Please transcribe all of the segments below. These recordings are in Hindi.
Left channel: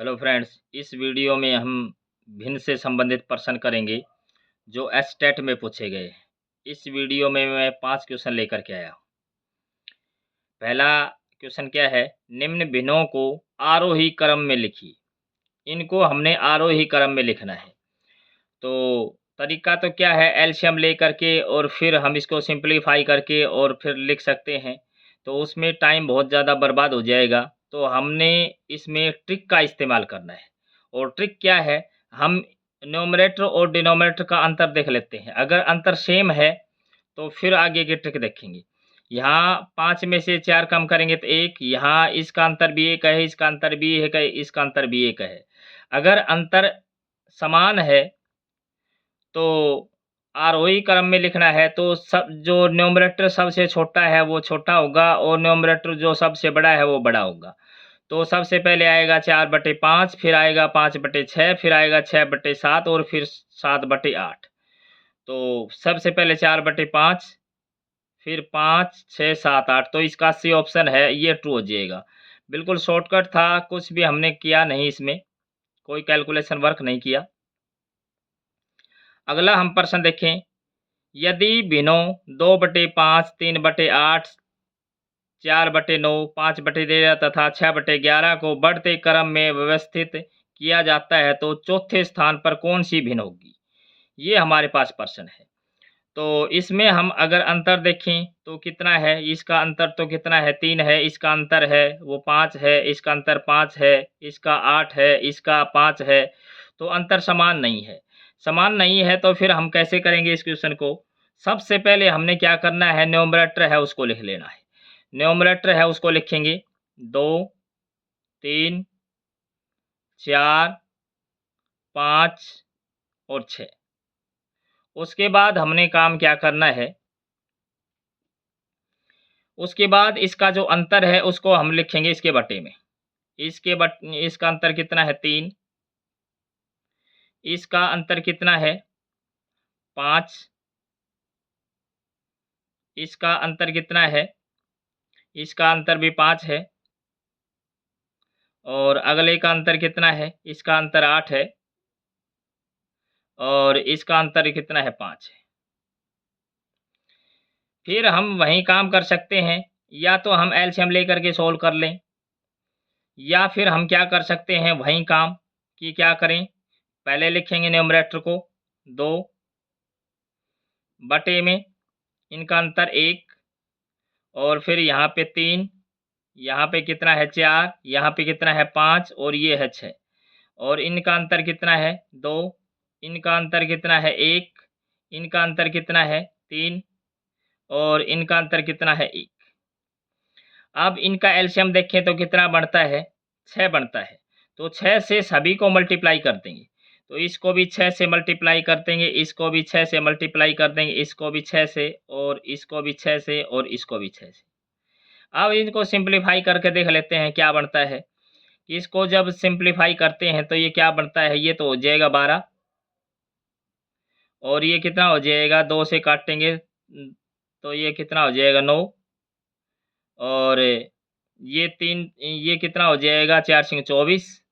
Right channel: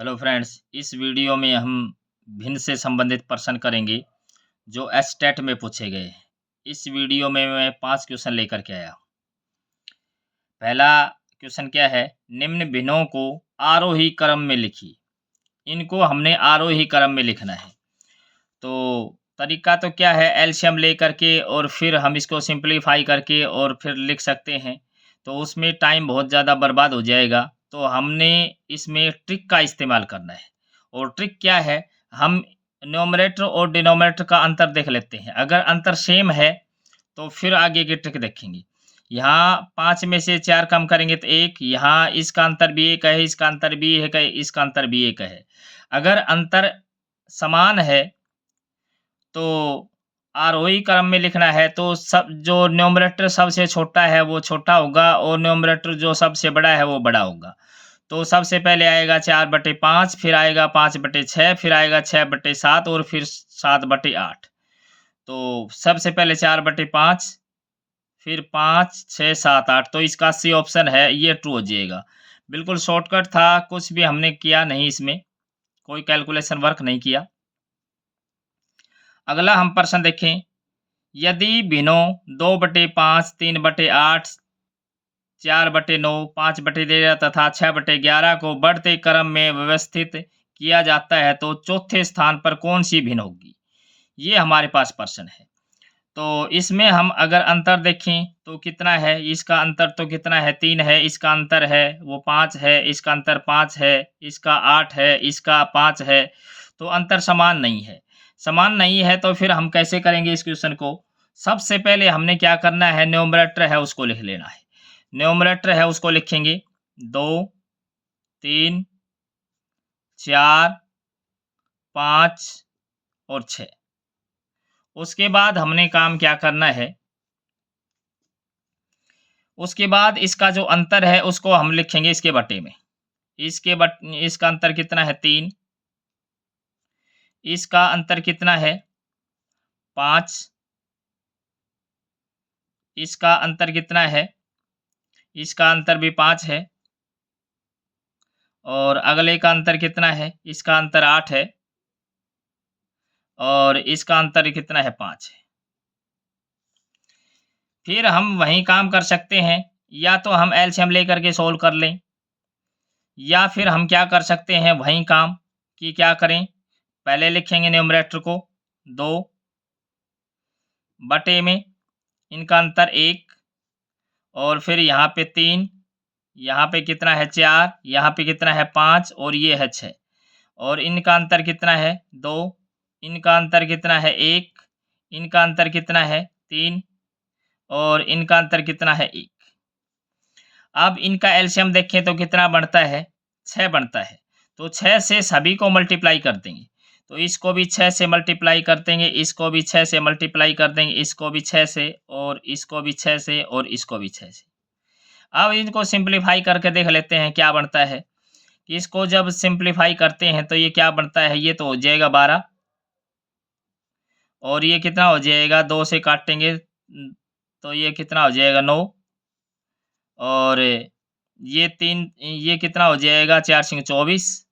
हेलो फ्रेंड्स, इस वीडियो में हम भिन्न से संबंधित प्रश्न करेंगे जो एसटेट में पूछे गए हैं। इस वीडियो में मैं 5 क्वेश्चन लेकर के आया हूँ। पहला क्वेश्चन क्या है? निम्न भिन्नों को आरोही क्रम में लिखिए। इनको हमने आरोही क्रम में लिखना है। तो तरीका तो क्या है, एलसीएम लेकर के और फिर हम इसको सिंपलीफाई करके और फिर लिख सकते हैं। तो उसमें टाइम बहुत ज़्यादा बर्बाद हो जाएगा। तो हमने इसमें ट्रिक का इस्तेमाल करना है। और ट्रिक क्या है, हम न्यूमरेटर और डिनोमिनेटर का अंतर देख लेते हैं। अगर अंतर सेम है तो फिर आगे की ट्रिक देखेंगे। यहाँ 5 में से 4 कम करेंगे तो 1, यहाँ इसका अंतर भी 1 है, इसका अंतर भी 1 है, इसका अंतर भी 1 है। अगर अंतर समान है तो आरोही क्रम में लिखना है, तो सब जो न्यूमरेटर सबसे छोटा है वो छोटा होगा और न्यूमरेटर जो सबसे बड़ा है वो बड़ा होगा। तो सबसे पहले आएगा 4/5, फिर आएगा 5/6, फिर आएगा 6/7 और फिर 7/8। तो सबसे पहले 4/5, फिर 5, 6, 7, 8। तो इसका सी ऑप्शन है, ये ट्रू हो जाएगा। बिल्कुल शॉर्टकट था, कुछ भी हमने किया नहीं, इसमें कोई कैलकुलेशन वर्क नहीं किया। अगला हम प्रश्न देखें। यदि भिन्नों 2/5, 3/8, 4/9, 5/13 तथा 6/11 को बढ़ते क्रम में व्यवस्थित किया जाता है तो चौथे स्थान पर कौन सी भिन्न होगी? ये हमारे पास प्रश्न है। तो इसमें हम अगर अंतर देखें तो कितना है, इसका अंतर तो कितना है, 3 है, इसका अंतर है वो 5 है, इसका अंतर 5 है, इसका 8 है, इसका 5 है। तो अंतर समान नहीं है। समान नहीं है तो फिर हम कैसे करेंगे इस क्वेश्चन को? सबसे पहले हमने क्या करना है, न्यूमरेटर है उसको लिख लेना है। न्यूमरेटर है उसको लिखेंगे 2, 3, 4, 5 और 6। उसके बाद हमने काम क्या करना है, उसके बाद इसका जो अंतर है उसको हम लिखेंगे इसके बटे में। इसका अंतर कितना है, 3। इसका अंतर कितना है, 5। इसका अंतर कितना है, इसका अंतर भी 5 है। और अगले का अंतर कितना है, इसका अंतर 8 है। और इसका अंतर कितना है, 5 है। फिर हम वही काम कर सकते हैं, या तो हम एलसीएम लेकर के सोल्व कर लें, या फिर हम क्या कर सकते हैं वही काम कि क्या करें, पहले लिखेंगे न्यूमरेटर को 2 बटे में इनका अंतर 1, और फिर यहाँ पे 3, यहाँ पे कितना है 4, यहाँ पे कितना है 5 और ये है 6। और इनका अंतर कितना है 2, इनका अंतर कितना है 1, इनका अंतर कितना है 3 और इनका अंतर कितना है 1। अब इनका एलसीएम देखें तो कितना बनता है, 6 बनता है। तो 6 से सभी को मल्टीप्लाई कर देंगे। तो इसको भी 6 से मल्टीप्लाई कर देंगे, इसको भी 6 से मल्टीप्लाई कर देंगे, इसको भी 6 से और इसको भी 6 से और इसको भी 6 से। अब इनको सिंप्लीफाई करके देख लेते हैं क्या बनता है। कि इसको जब सिंप्लीफाई करते हैं तो ये क्या बनता है, ये तो हो जाएगा 12। और ये कितना हो जाएगा, 2 से काटेंगे तो ये कितना हो जाएगा 9। और ये कितना हो जाएगा, 4 सिंग 24।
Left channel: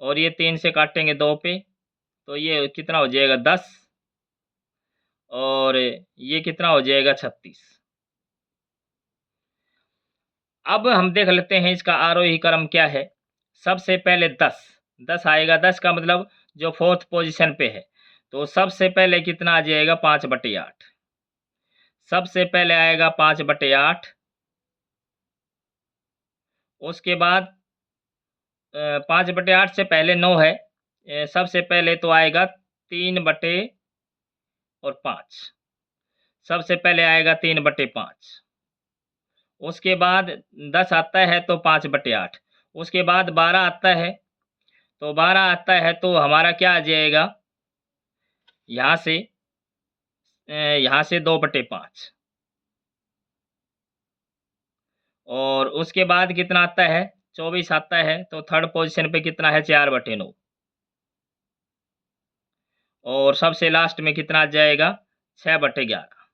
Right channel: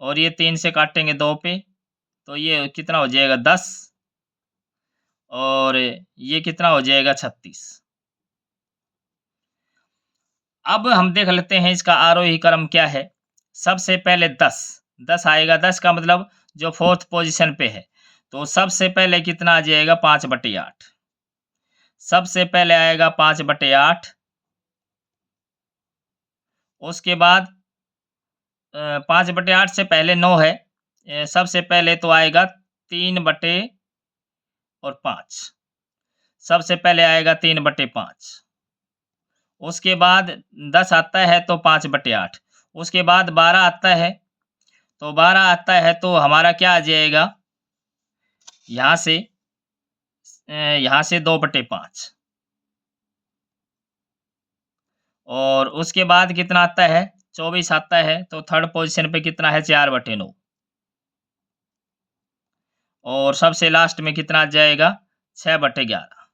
और ये 3 से काटेंगे 2 पे तो ये कितना हो जाएगा 10। और ये कितना हो जाएगा 36। अब हम देख लेते हैं इसका आरोही क्रम क्या है। सबसे पहले 10 आएगा, 10 का मतलब जो 4th पोजीशन पे है। तो सबसे पहले कितना आ जाएगा, 5/8। सबसे पहले आएगा 5/8। उसके बाद 5/8 से पहले 9 है। सबसे पहले तो आएगा 3/5। सबसे पहले आएगा 3/5। उसके बाद 10 आता है तो 5/8। उसके बाद 12 आता है। तो 12 आता है तो हमारा क्या आ जाएगा, यहाँ से 2/5। और उसके बाद कितना आता है, 24 आता है। तो 3rd पोजीशन पे कितना है, 4/9। और सबसे लास्ट में कितना आ जाएगा, 6/11।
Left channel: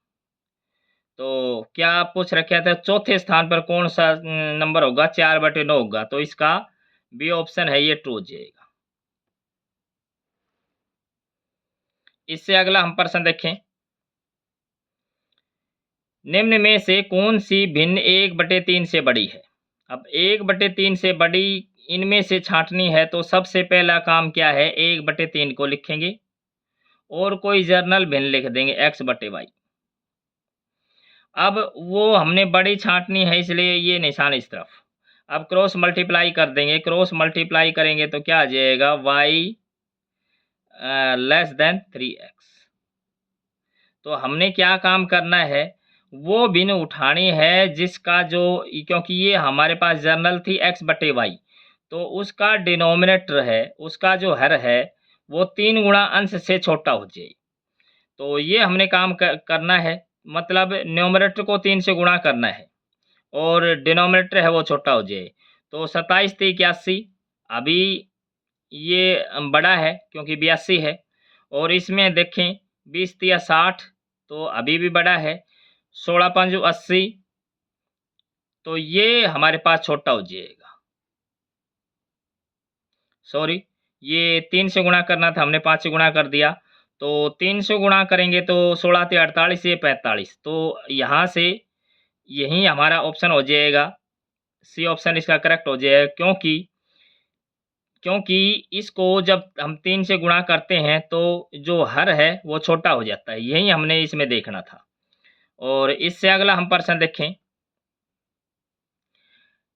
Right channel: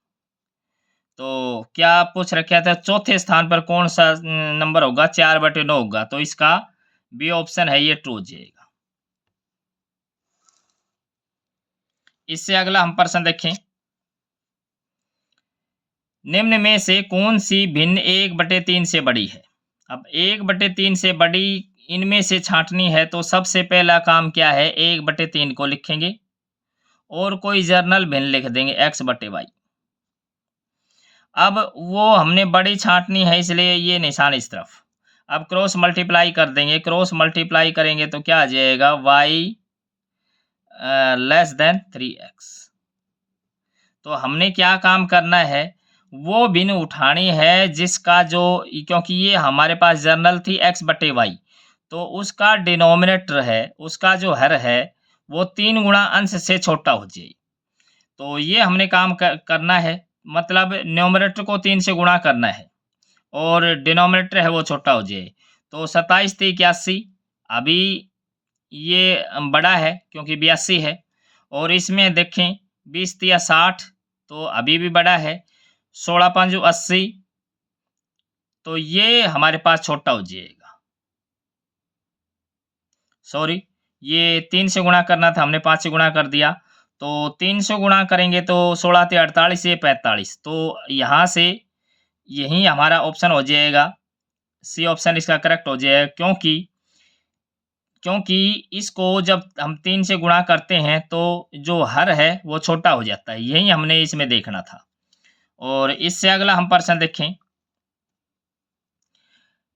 तो क्या पूछ रखा था, चौथे स्थान पर कौन सा नंबर होगा, 4/9 होगा। तो इसका बी ऑप्शन है ये ट्रू हो जाएगा। इससे अगला हम प्रश्न देखें, निम्न में से कौन सी भिन्न 1/3 से बड़ी है। अब 1/3 से बड़ी इनमें से छांटनी है तो सबसे पहला काम क्या है, 1/3 को लिखेंगे और कोई जर्नल भिन्न लिख देंगे x/y। अब वो हमने बड़ी छांटनी है इसलिए ये निशान इस तरफ। अब क्रॉस मल्टीप्लाई कर देंगे, क्रॉस मल्टीप्लाई करेंगे तो क्या आ जाएगा, y लेस देन 3x। तो हमने क्या काम करना है, वो भिन्न उठानी है जिसका जो, क्योंकि ये हमारे पास जर्नल थी x/y, तो उसका डिनोमिनेटर है, उसका जो हर है वो 3 गुणा अंश से छोटा हो जाए। तो ये हमने काम करना है, मतलब न्यूमरेटर को 3 से गुणा करना है और डिनोमिनेटर है वो छोटा हो जाए। तो 27 × 81, अभी ये बड़ा है क्योंकि 82 है, और इसमें देखें 20 × 60, तो अभी भी बड़ा है। 16 × 5 = 80, तो ये हमारे पास छोटा हो जाएगा। सॉरी, ये 3 से गुणा करना था, हमने 5 से गुणा कर दिया। तो 3 से गुणा करेंगे तो 16 × 48, ये 45। तो यहाँ से यही हमारा ऑप्शन हो जाएगा, सी ऑप्शन इसका करेक्ट हो जाएगा, क्योंकि इसको जब हम 3 से गुणा करते हैं तो जो हर है वो छोटा हो जाता है, यही हमने इसमें देखना था। और इससे अगला हम प्रश्न देखें,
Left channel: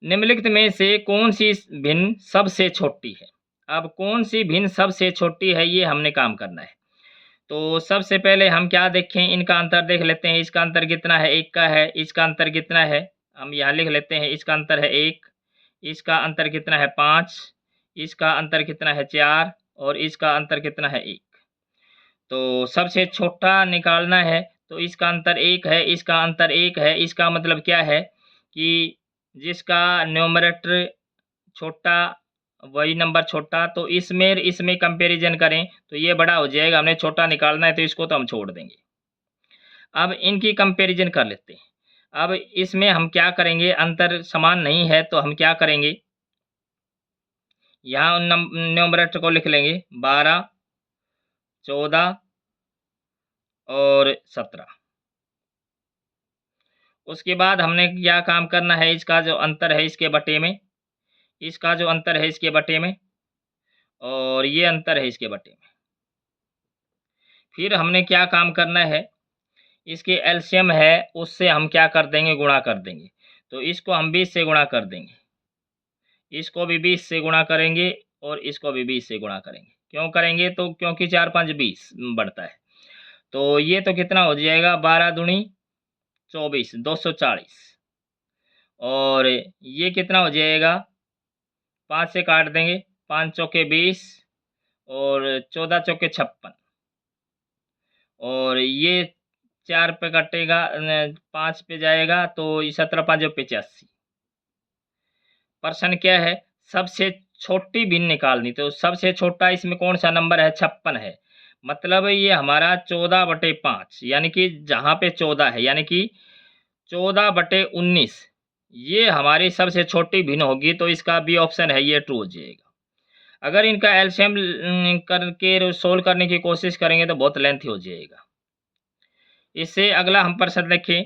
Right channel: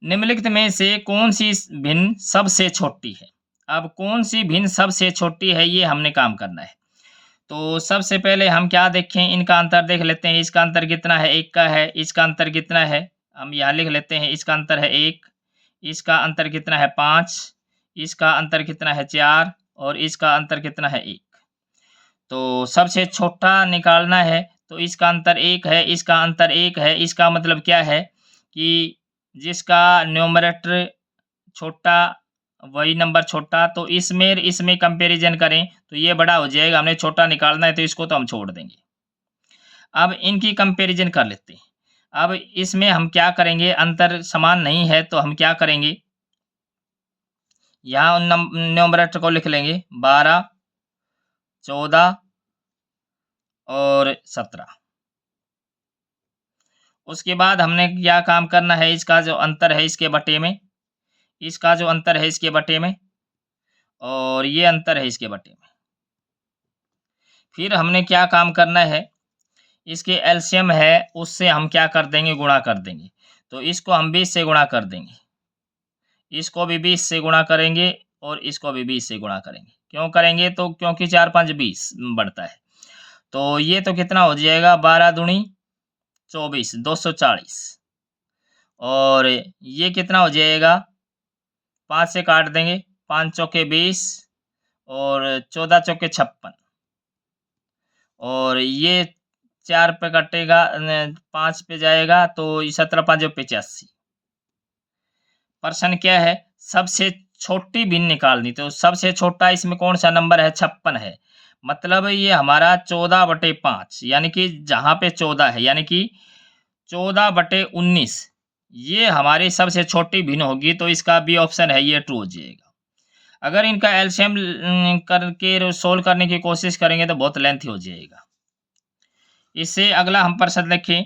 निम्नलिखित में से कौन सी भिन्न सबसे छोटी है। अब कौन सी भिन्न सबसे छोटी है ये हमने काम करना है। तो सबसे पहले हम क्या देखें, इनका अंतर देख लेते हैं। इसका अंतर कितना है, 1 का है। इसका अंतर कितना है, हम यहाँ लिख लेते हैं, इसका अंतर है 1। इसका अंतर कितना है, 5। इसका अंतर कितना है, 4। और इसका अंतर कितना है, 1। तो सबसे छोटा निकालना है तो इसका अंतर 1 है, इसका अंतर 1 है। इसका मतलब क्या है कि जिसका न्यूमरेटर छोटा वही नंबर छोटा, तो इसमें कंपैरिजन करें तो ये बड़ा हो जाएगा। हमने छोटा निकालना है तो इसको तो हम छोड़ देंगे। अब इनकी कंपैरिजन कर लेते हैं। अब इसमें हम क्या करेंगे, अंतर समान नहीं है तो हम क्या करेंगे, यहाँ न्यूमरेटर को लिख लेंगे 12, 14 और 17। उसके बाद हमने क्या काम करना है, इसका जो अंतर है इसके बटे में, इसका जो अंतर है इसके बटे में, और ये अंतर है इसके बटे में। फिर हमने क्या काम करना है, इसके एलसीएम है उससे हम क्या कर देंगे, गुणा कर देंगे। तो इसको हम 20 से गुणा कर देंगे, इसको भी 20 से गुणा करेंगे और इसको भी 20 से गुणा करेंगे। क्यों करेंगे, तो क्योंकि 4 5 20 बढ़ता है। तो ये तो कितना हो जाएगा, 12 दूनी 24, 240। और ये कितना हो जाएगा, 5 से काट देंगे, 5 चौके 20 और 14 चौके 56। और ये 4 पे कटेगा, 5 पे जाएगा तो 17 5 85। प्रश्न क्या है, सबसे छोटी भिन्न निकालनी। तो सबसे छोटा इसमें कौन सा नंबर है, 56 है। मतलब ये हमारा 14/5, यानी कि जहाँ पे 14 है, यानी कि 14/19 ये हमारी सबसे छोटी भिन्न होगी। तो इसका बी ऑप्शन है ये ट्रू हो जाएगा। अगर इनका एलसीएम करके सोल्व करने की कोशिश करेंगे तो बहुत लेंथी हो जाएगा। इससे अगला हम प्रश्न देखें,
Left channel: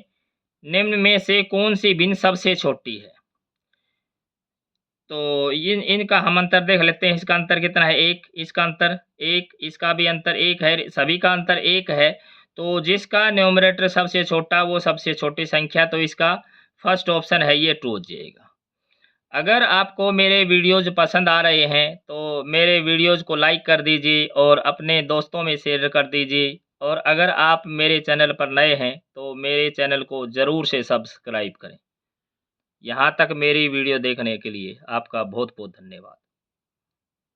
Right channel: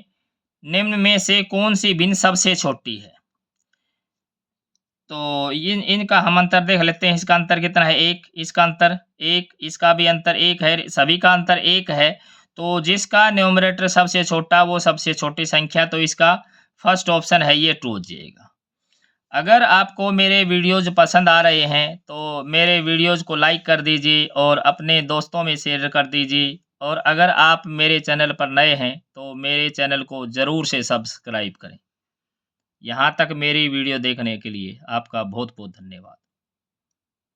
निम्न में से कौन सी भिन्न सबसे छोटी है। तो इनका हम अंतर देख लेते हैं। इसका अंतर कितना है, 1। इसका अंतर 1, इसका भी अंतर 1 है, सभी का अंतर 1 है। तो जिसका न्यूमरेटर सबसे छोटा वो सबसे छोटी संख्या, तो इसका फर्स्ट ऑप्शन है ये ट्रू हो जाएगा। अगर आपको मेरे वीडियोज़ पसंद आ रहे हैं तो मेरे वीडियोज़ को लाइक कर दीजिए और अपने दोस्तों में शेयर कर दीजिए। और अगर आप मेरे चैनल पर नए हैं तो मेरे चैनल को ज़रूर से सब्सक्राइब करें। यहाँ तक मेरी वीडियो देखने के लिए आपका बहुत बहुत धन्यवाद।